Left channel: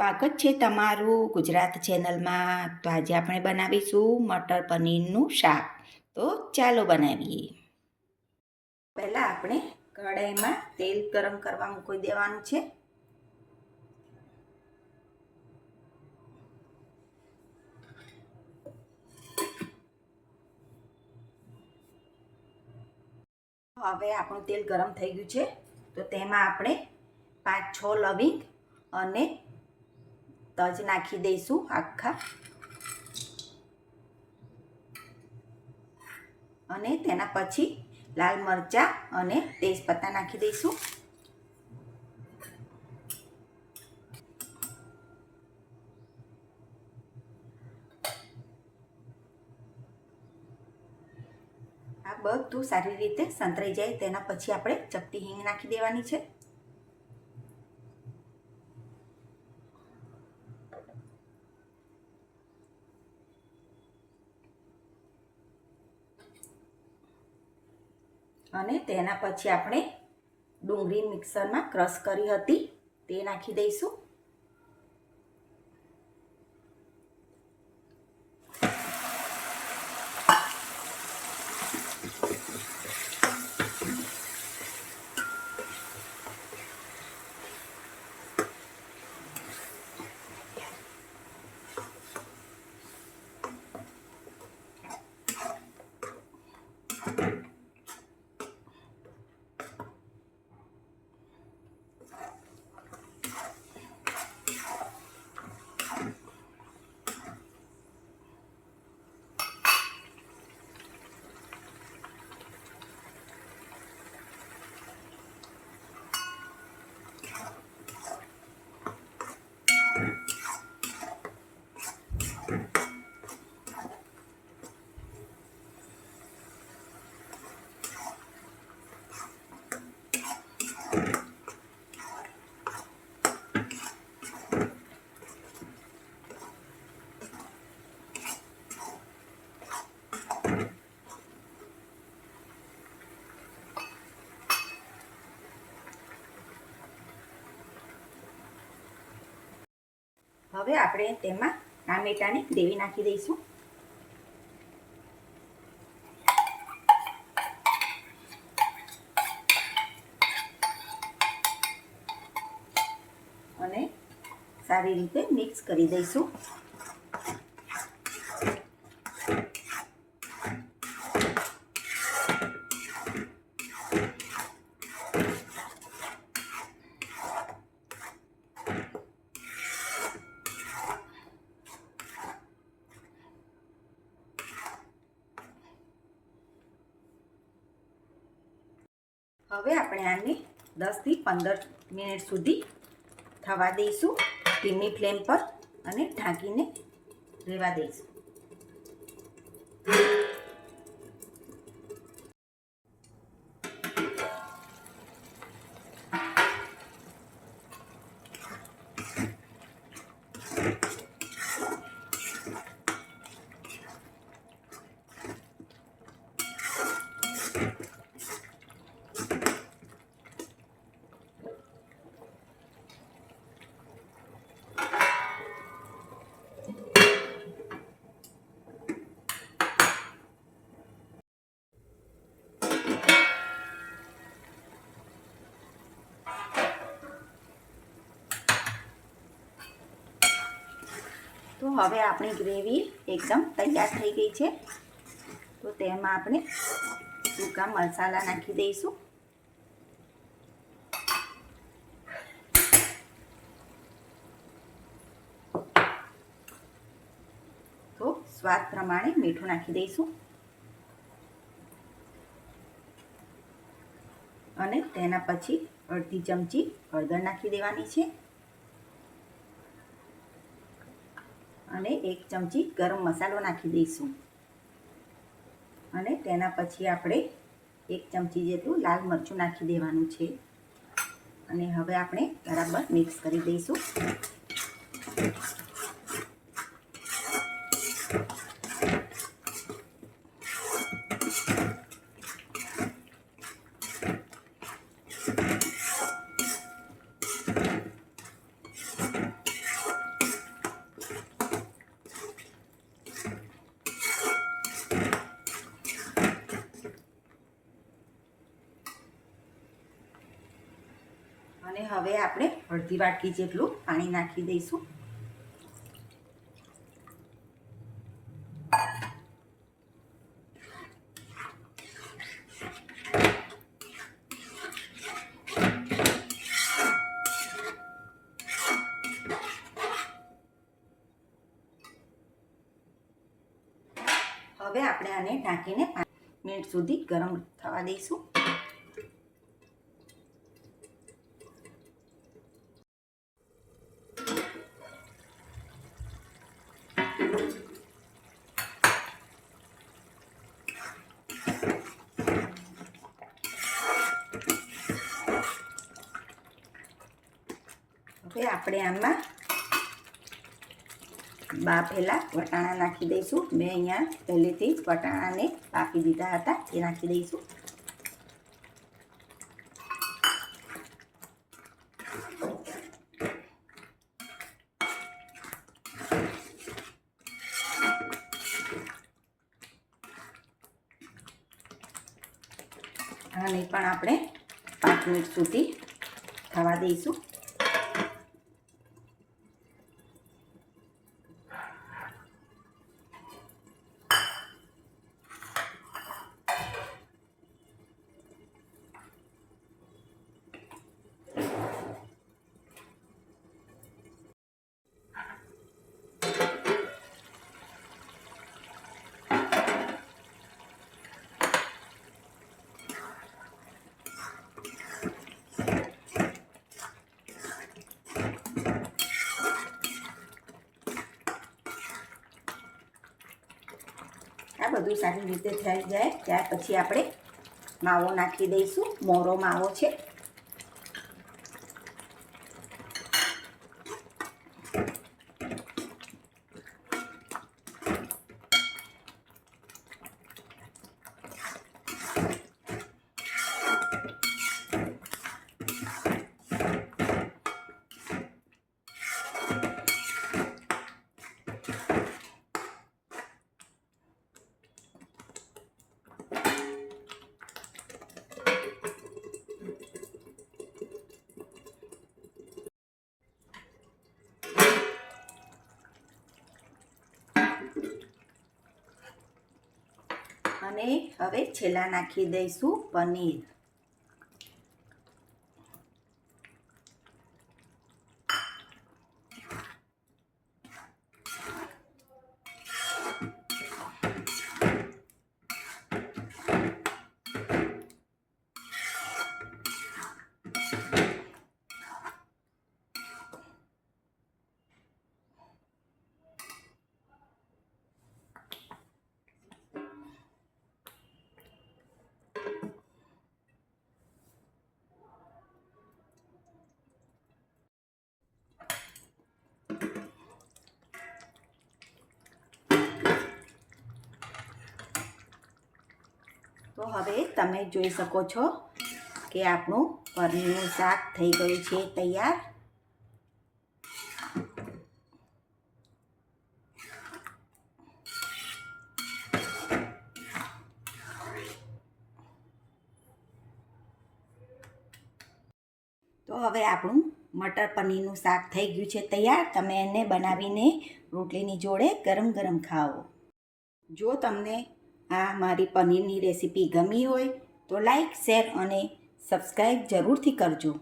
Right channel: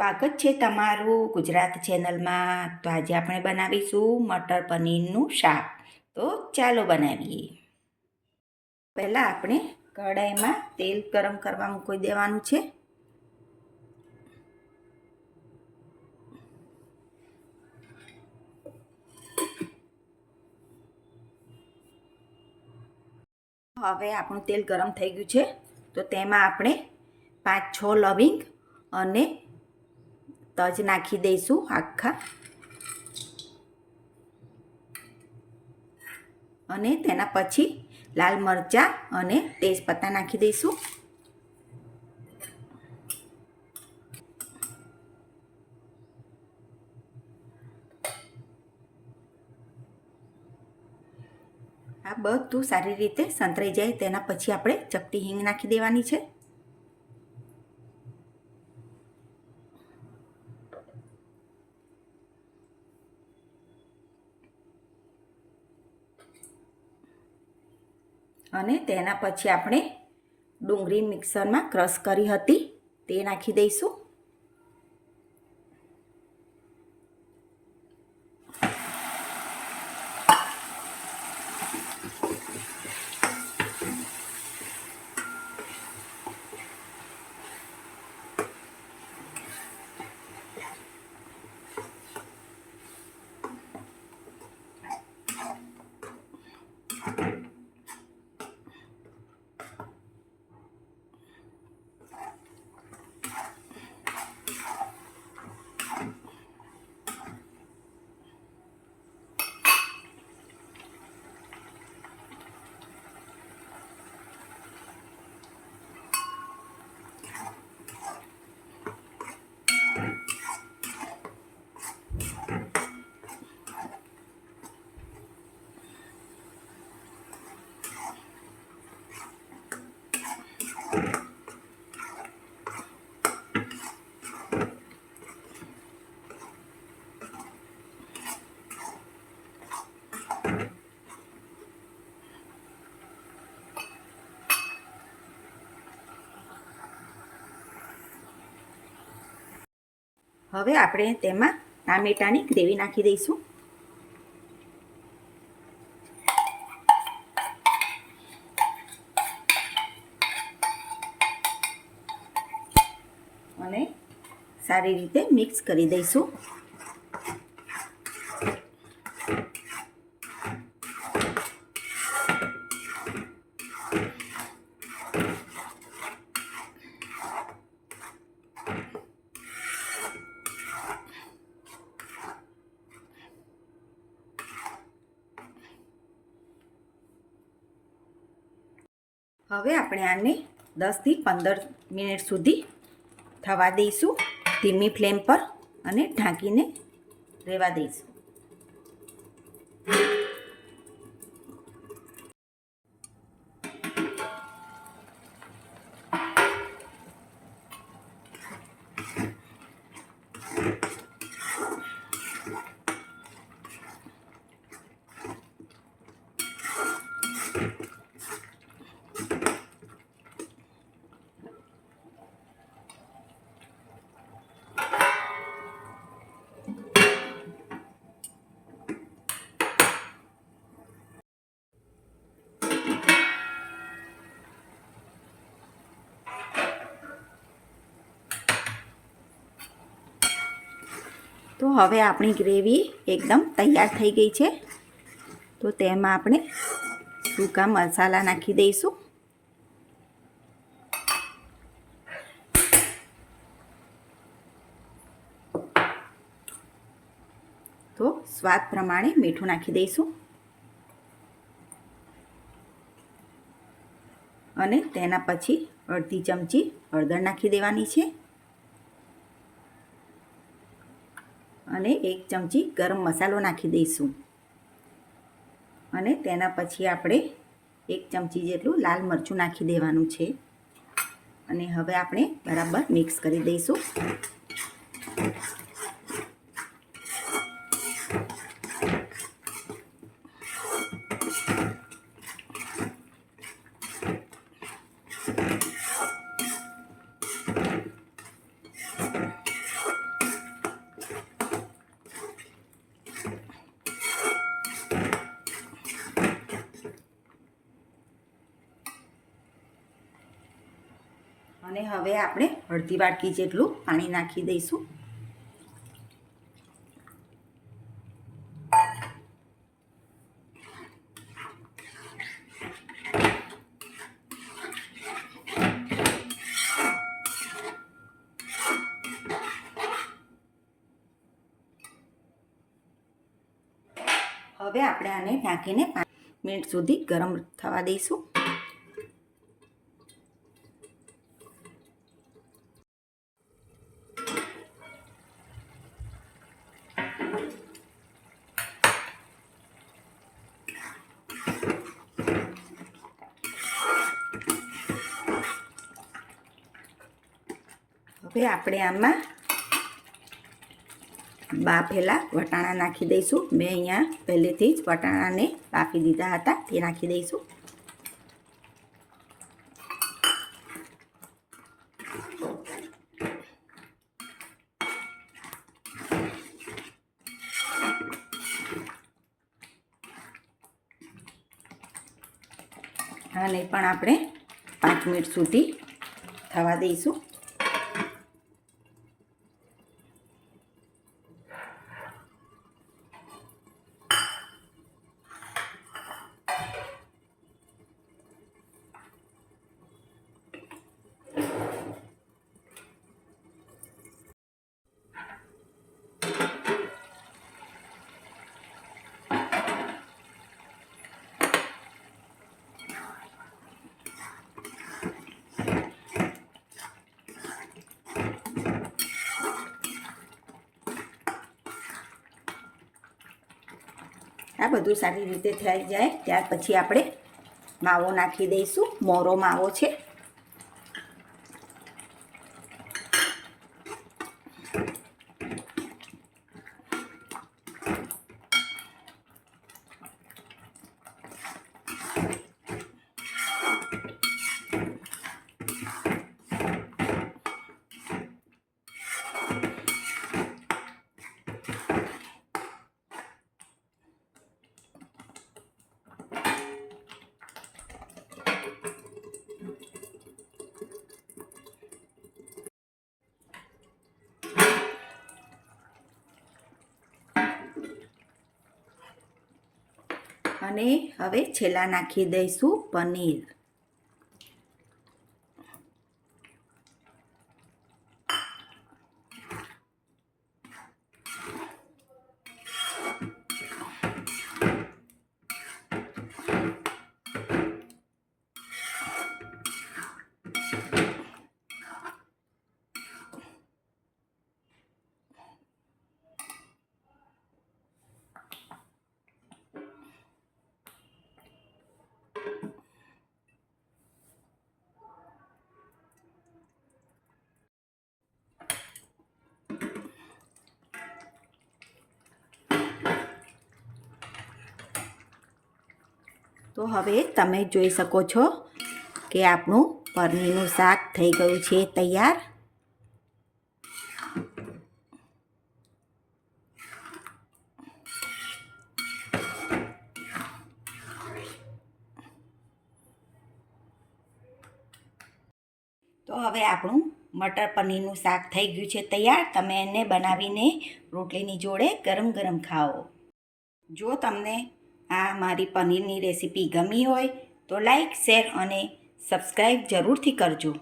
સ્વાગત છે તમારું ગુજરાત ચેનલમાં. તો આજે આપણે બનાવીશું મટર પનીરનું શાક. તો ચાલો બનાવીએ. પહેલાં આપણે કઢાઈમાં તેલ ગરમ કરવા મૂકી દેવાનું છે. હવે આપણું તેલ ગરમ થઈ ગયું છે. તો તેમાં આપણે પાંચ છ લવિંગ અને તજ નાખી દઈશું આખા. અને તેના પછી લાલ મરચાં અને તેજપત્તા નાખી દઈશું. આ બધું સારી રીતે સંતરાઈ જાય તેના પછી આપણે ચપટી હિંગ નાખી દેવાની છે. અને તેના પછી આપણે ડુંગળી મિક્સરમાં ક્રશ કરી હતી. તે નાખી દઈશું. હવે આપણે તેમાં ટામેટાની ગ્રેવી નાખી દઈશું. અને સારી રીતે મિક્સ કરી દઈશું. હવે આપણે આને દસથી પંદર મિનિટ સુધી થવા દઈશું. ધીમી ફ્લેમ પર અને ઢાંકીને રહેવા દઈશું. તો હવે આપણી ગ્રેવી એકદમ તૈયાર થઈ ગઈ છે. તો તેમાં આપણે સૂકા મસાલા નાખી દઈશું. તો સ્વાદ પ્રમાણે મીઠું નાખી દઈશું. અને તેના પછી અડધી ચમચી હળદર નાખી દેવાની છે અને એક ચમચી ગરમ મસાલો નાખી દઈશું. અને તેના પછી આપણે એક ચમચી જેટલું લાલ મરચું નાખી દેવાનું છે. અને હવે આપણે બરાબર મિક્સ કરી દઈશું. અને હવે આપણે અડધી વાટકી જેટલું પાણી નાખી દઈશું. હવે આપણે આને ઢાંકીને પાંચ મિનિટ સુધી ગરમ થવા દઈશું. હવે આપણે આમાં બાફેલા વટાણા નાખી દઈશું. મેં અહીંયા પહેલેથી જ વટાણાને બાફી દીધા હતા. તે નાખી દઈશું. આને પણ આપણે પાંચ મિનિટ સુધી થવા દઈશું. આ બધું સારી રીતે થઈ જાય. ત્યાર પછી આપણે માવો નાખી દઈશું. મોરો માવો છે. અને હવે છેલ્લા નાખી દઈશું પનીર. તો હવે તમે જોઈ શકો છો કે આપણું પનીરનું શાક થઈ ગયું છે તૈયાર. તો હવે આપણું મટર પનીરનું શાક થઈ ગયું છે તૈયાર. તમે એને બનાવીને રોટલીની જોડે ગરમ ગરમ ખાઓ. જો તમને આ મારી પનીરની રેસીપી ગમી હોય તો લાઈક શેર અને સબસ્ક્રાઈબ જરૂરથી કરજો.